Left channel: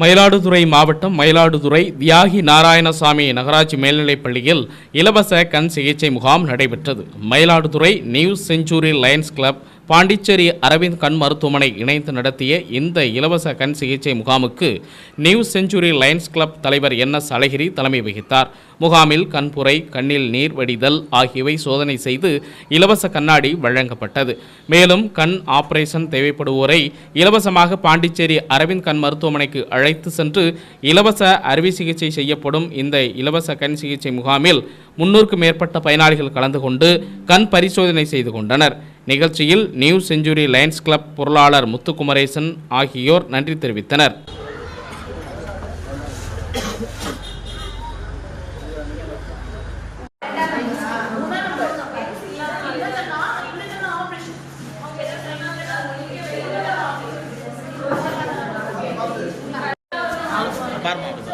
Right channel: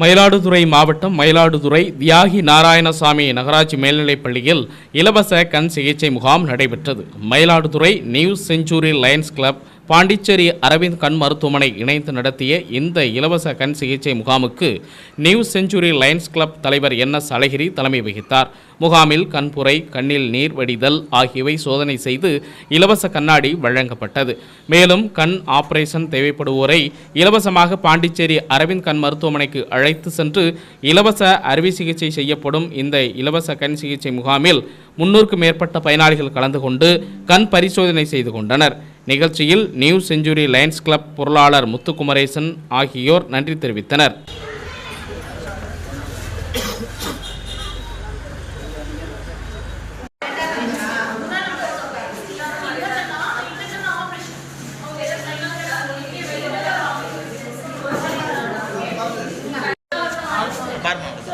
மயிலாடுதுறை மாவட்டம் மயிலாடுதுறை தியாகி நாராயணசாமி நகராட்சி மேல்நிலைப் பள்ளியில் இலவச கண் சிகிச்சை முகாம் நடைபெற்றது. Mayiladuthurai new century lions club Pondicherry Aravind கண் மருத்துவமனை இணைந்து நடத்திய இந்த இலவச கண் சிகிச்சை முகாமுக்கு நியூ செஞ்சுரி லயன்ஸ் கிளப் தலைவர் என் எஸ் அழகிரி தலைமை வகித்தார். முகாமில் கண்புரை கண்ணில் நீர் வடிதல் ஆகியவை சோதனை செய்து இலவச கண்ணாடி வழங்கப்பட்டது. மேலும் கண் ஆபரேஷன் தேவைப்படுவோரை இலவசமாக பாண்டிச்சேரி அரவிந்த் கண் மருத்துவமனைக்கு அழைத்து சென்று இலவச அறுவை சிகிச்சை செய்யப்படும் இந்த இலவச கண் சிகிச்சை முகாமில் முன்னூறுக்கும் மேற்பட்ட பயனாளிகள் கலந்து கொண்டு கண் பரிசோதனை செய்து கொண்டனர். நிகழ்ச்சியில் நியூ செஞ்சுரி லயன்ஸ் கிளப் பொருளாளர் முத்துக்குமரேசன் ஆகியோர் நன்றி தெரிவித்தனர். ரெண்டு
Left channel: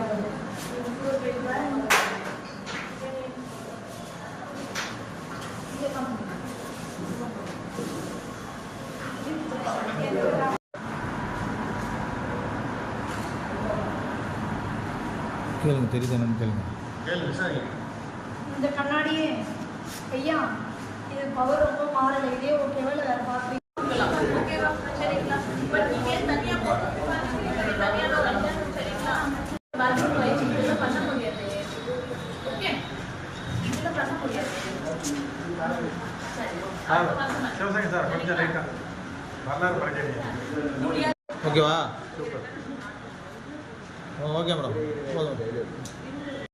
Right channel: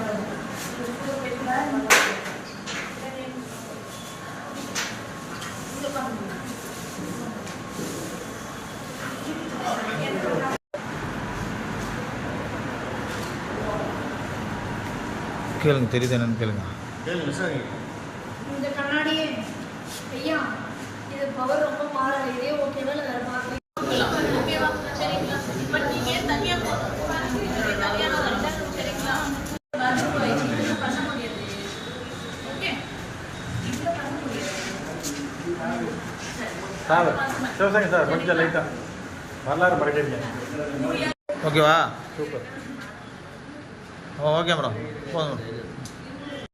கேளுங்க தெரியுது என்னன்னு கேளுங்க. இந்த கண்ணாடி ஐயா இது பவர் ரொம்ப மாறல இதே ஓகேவா ஓகே மேடம் போதும்